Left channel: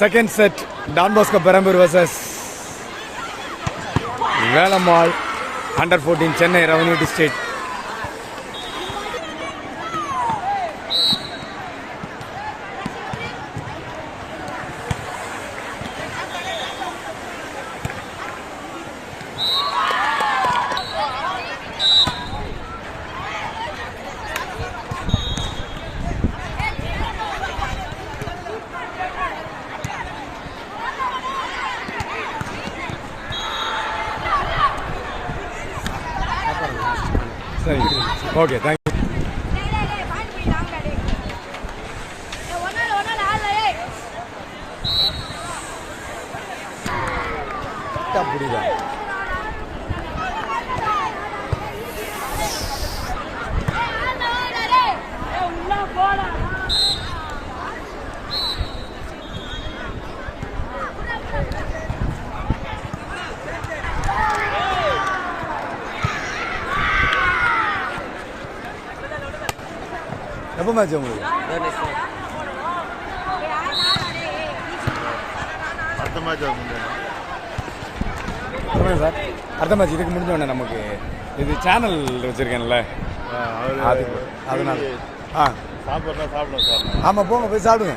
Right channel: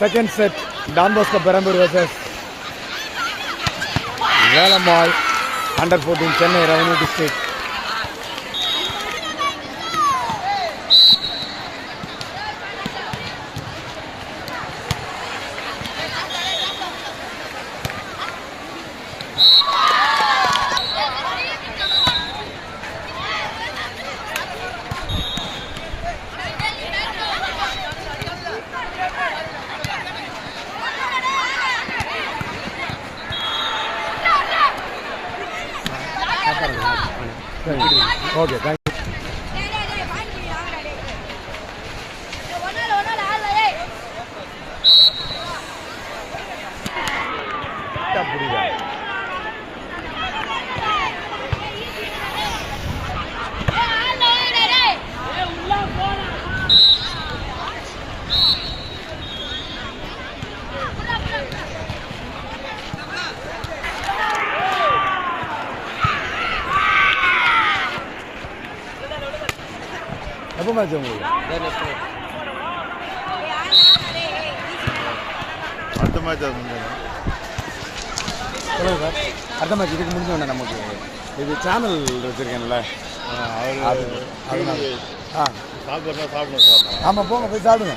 Second set Don Bosco Perambur vs Velammal under 14 Chennai revenue district. சரி, okay, thank you. புரியுதா? எப்போ match உங்களுக்கு? அடுத்த மேட்ச் சார், அடுத்த மேட்ச் இதுக்கு முடிஞ்சோடனே நமக்கு இது சேனல் வச்சுருக்கேன்ல, அதனால சாப்பிட்றா சாப்பிடுவோம் சார். ஆமாம், போங்க போய் சாப்பிடுங்க.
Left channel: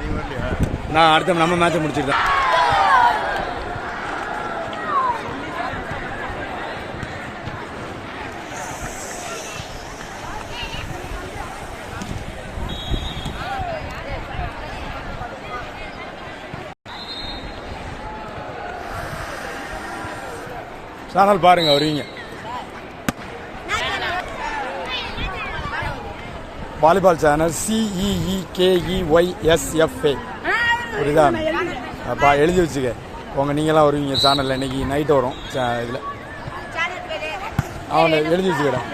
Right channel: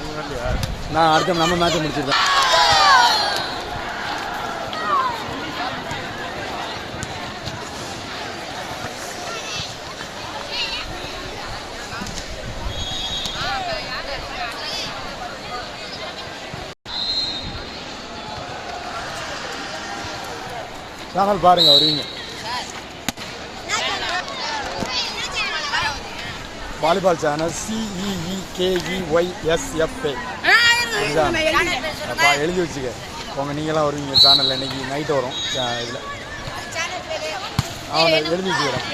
நீ வரலையா? நான் அடுத்த நம்ம மேட்சை முடிச்சுட்டு தான். சேனல் பாருங்க, வருவீங்க. வாலிபால் சேனல் CEEKEYSFA இதுதான். அப்பா எழுதி வச்சுக்க உங்க, நீங்களாம் வருவீங்க சேனலில். இன்னைக்கு நைட்டு வரும் இதில், அவங்க எழுதி வச்சுக்கிறேன்.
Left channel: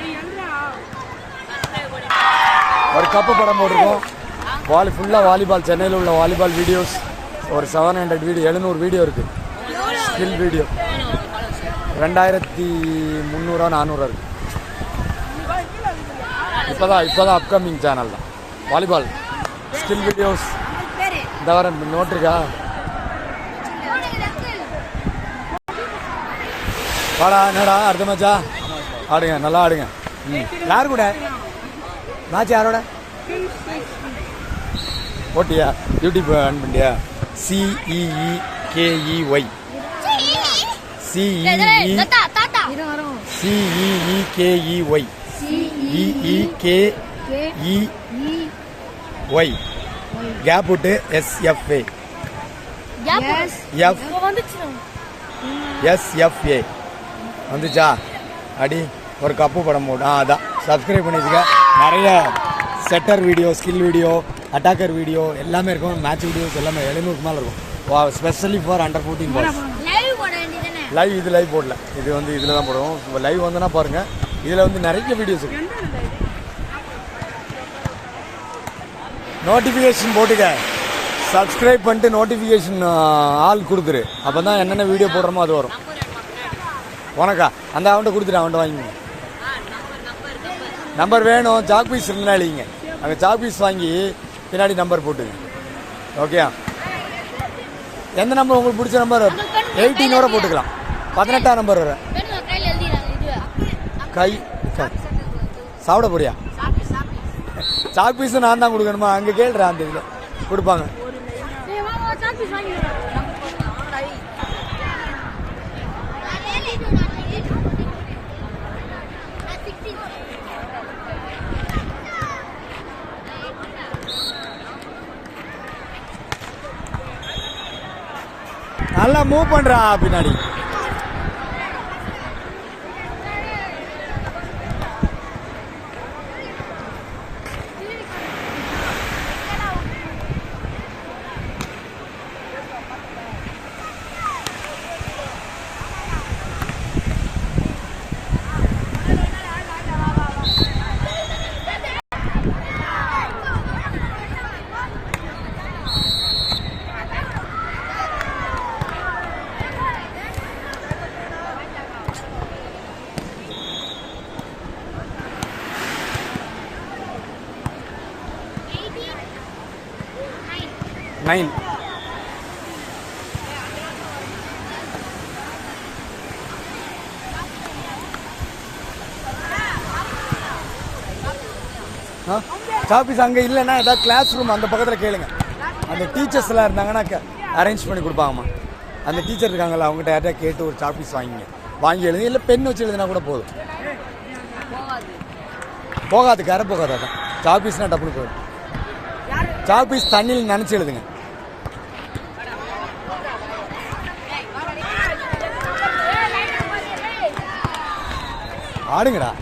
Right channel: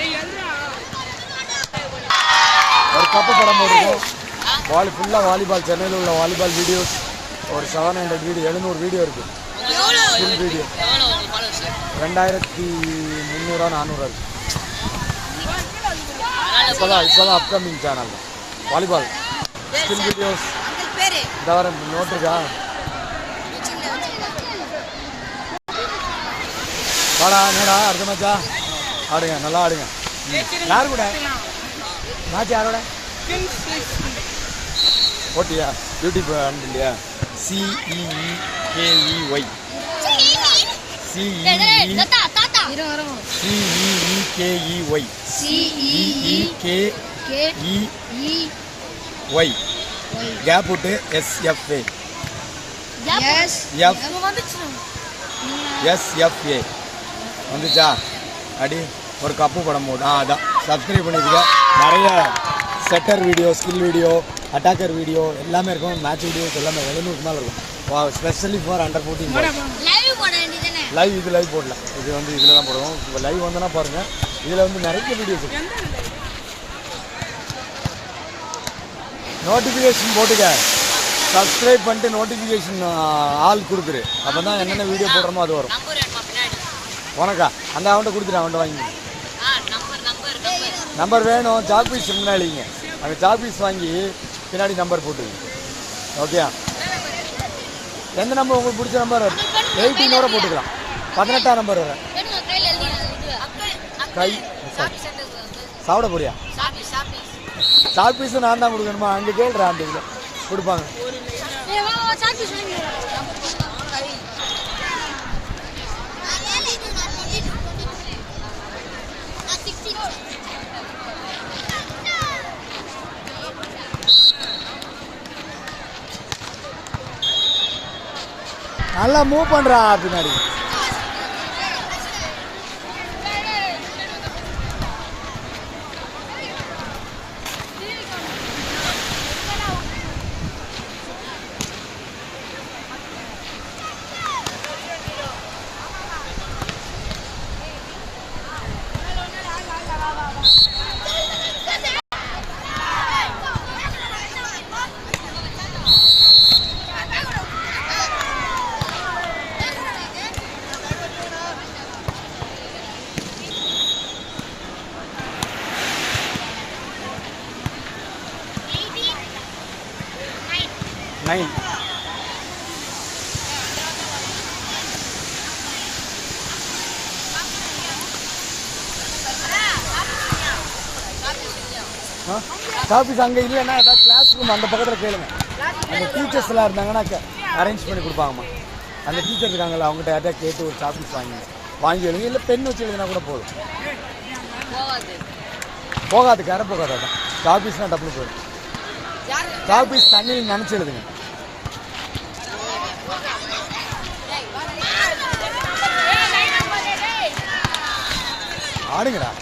ஒரு கப்பு படம் போட்டிருக்கோம். ஃபுல்லாக வாலிபால், சென்னையில் உள்ள வாலிபால் வீடியோஸ் ஒரு 700 வீடியோ, 700 வீடியோ இருக்குது. ஸ்கில் வீடியோ 2300 400 இருக்குது. இப்போதான் அப்கமிங் சேனல் தான் வாலிபால் ஸ்கில் வீடியோஸ். இந்த வர நோட்டுருக்கா? வாடா நேடா, அடுத்த மேட்சா ஆடுங்க, நல்லா ஆடுங்க. யார் கூட மேட்ச்? யாரோட போட்டியா? யூடியூப் ஆன் பண்ணியா? CEEKEY கேப் விட்டு SFA வந்துச்சா? அடி ஒரு கப்பு படம் போட்டு அதான் சப்ஸ்கிரைப் பண்ணிக்க. நிறைய setter video, skill video, attacker video எல்லாமே இருக்கும். மேட்ச் வீடியோஸ் எல்லாமே 700க்கு மேலே இருக்கும். Specially for under 14 live. இது லைவ் போடல, இது வந்து இதில் தான் போடுவோம். இப்போ லைவ் வந்தோன்னா பாருங்கள், இதில் வந்து நிறைய வீடியோஸ் இருக்கு. நோட்டிஃபிகேஷன் போட்டுக்க, சப்ஸ்கிரைப் பண்ணிட்டு நோட்டிஃபிகேஷன் ஆள் கொடுத்துரு. அப்போ தான் என்னென்ன வீடியோ போடுறோமோ அது வரும். உனக்கா அந்த அவன்கிட்ட கொடுத்துட்டு அவன்கிட்ட வாங்கிங்க. நம்பர் வேணும், சாக் பீஸ் முன்னாடிங்க. அங்கே சாக் பீஸ் வாங்கி பின்னாடி நம்பர் போட்டுங்க. ஓகேயா? எந்த நம்பர் உங்களுக்கு பிடிச்ச நம்பர் 18 போட்டுக்கலாம். 18ஆம் நம்பர் வர கை சாப்பிட போறியா? சாக் பீஸு நான் தான் கொடுக்கணுமா? அங்கே கேள்றா, அந்த இதில் கொடுப்பாங்க. நல்லா மூவ் பண்றா பின்னாடி. ஆஃபீஸ் அங்கே இல்லைன்னா ஏதாவது கிளாஸ் ரூம் அந்த பக்கத்தில் கேளுங்க. அந்த டீச்சர்ஸ்லாம் இருந்தாங்கன்னா அரேஞ்ச் பண்ணி கொடுப்பாங்கம்மா. அந்த டீச்சர் இருக்காங்கல்ல அவங்ககிட்ட யார்ட்டா கேட்டு ஒரு சாப்பீஸ் வாங்கி எழுதுங்க. இல்லை பென் வச்சு எழுதுனா கூட போதும். போகாது, கரை போகாது. அதான் சாப்பீஸ்னால் டப்புனு போதும். சாப்பீஸ் தண்ணியில் நினச்சி எழுதுங்க. ஆடுங்கடா.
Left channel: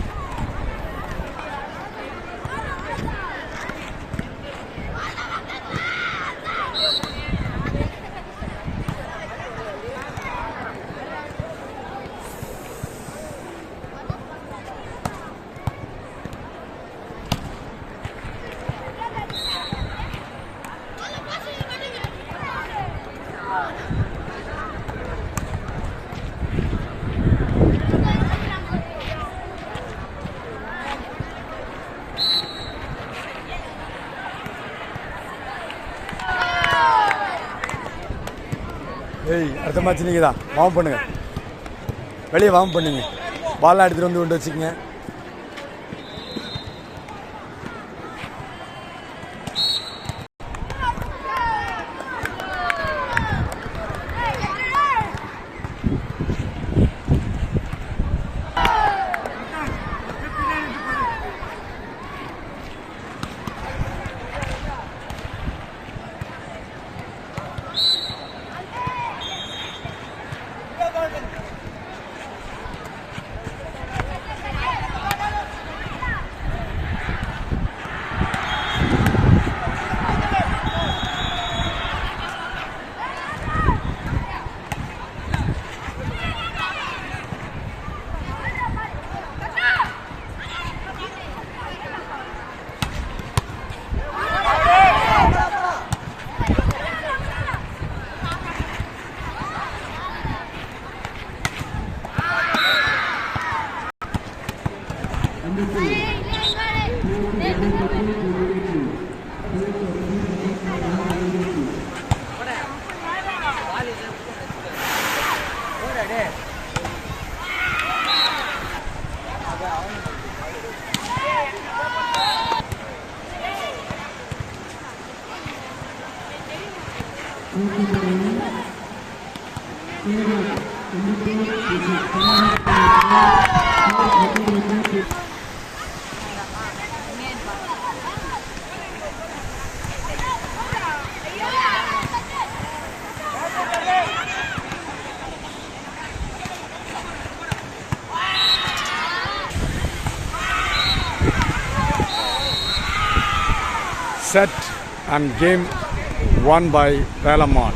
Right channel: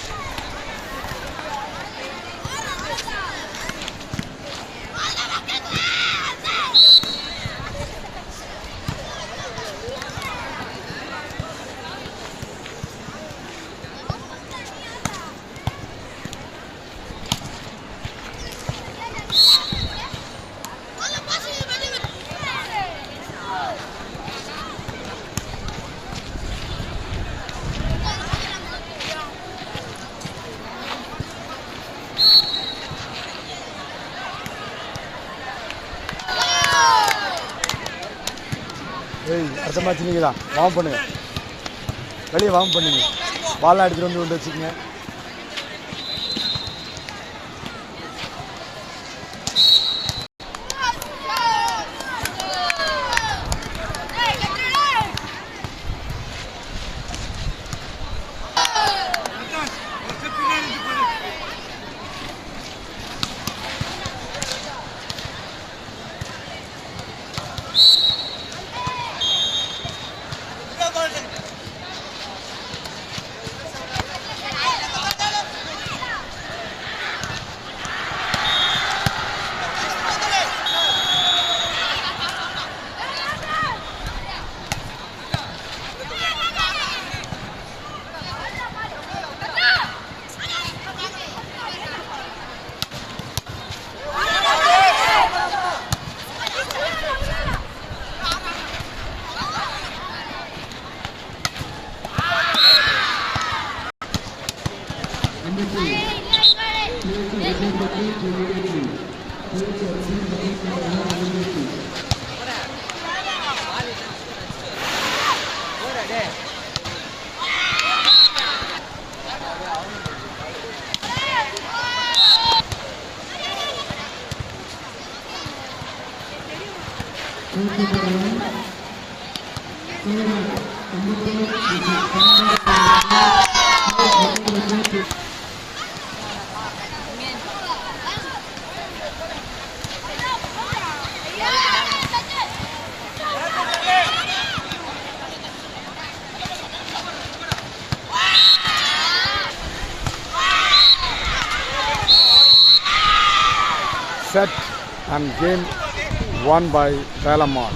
ஏய், அடுத்த மேட்ச் நீங்கள் தான் வார்ம் பண்ணுங்க. வெளியே வார்ம் பண்ணுங்க. பால்லாம் எடுத்துகிட்டு வந்து கொண்டு வச்சுக்கோங்க. Set and game won by Velamon.